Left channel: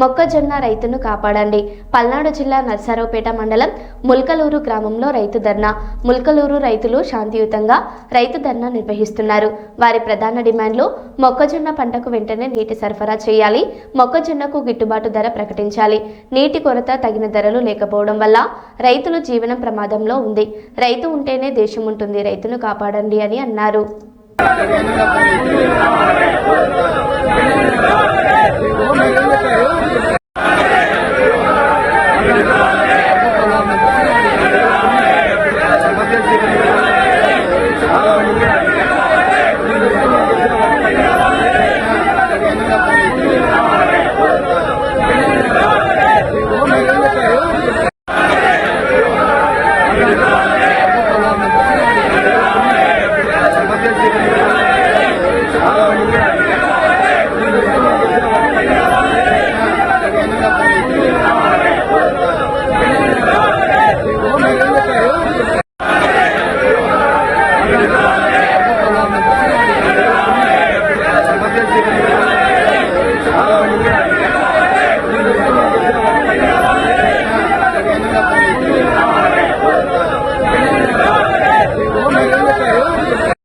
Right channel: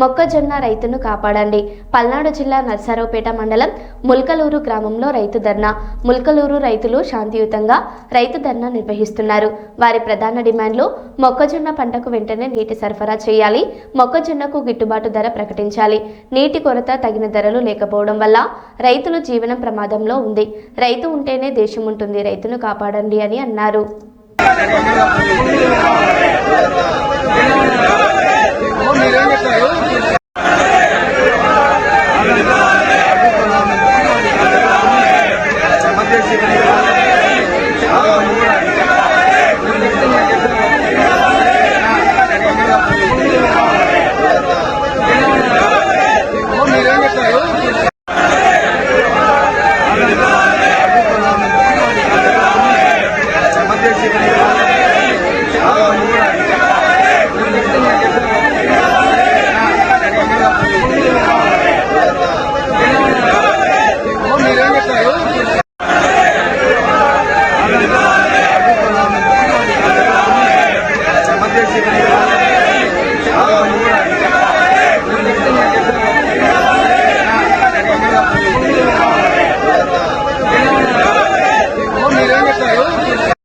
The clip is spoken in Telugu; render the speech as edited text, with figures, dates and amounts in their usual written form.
మొక్కజొన్న రైతును కాపాడండి. పల్నాడు జిల్లా నర్సారావుపేట మండలం ముల్కలూరు గ్రామంలో రైతు ధర్నా. ముల్కలూరు రైతులు శాంతియుతంగా రైతు ధర్నా నిర్వహిస్తున్నారు. వారి ప్రధాన డిమాండ్లు మొక్కజొన్న పంటకు వెంటనే నీటి సరఫరా చేయాలి, మొక్కజొన్నకు గిట్టుబాటు ధర ప్రకటించాలి, నీటి కొరత తగిన ధరలు లేకపోవడం వల్ల రైతుల జీవనం ప్రమాదంలో ఉంది. రైతు ఉంటేనే దేశం ఉంటుంది, రైతును కాపాడండి అని అన్నారు.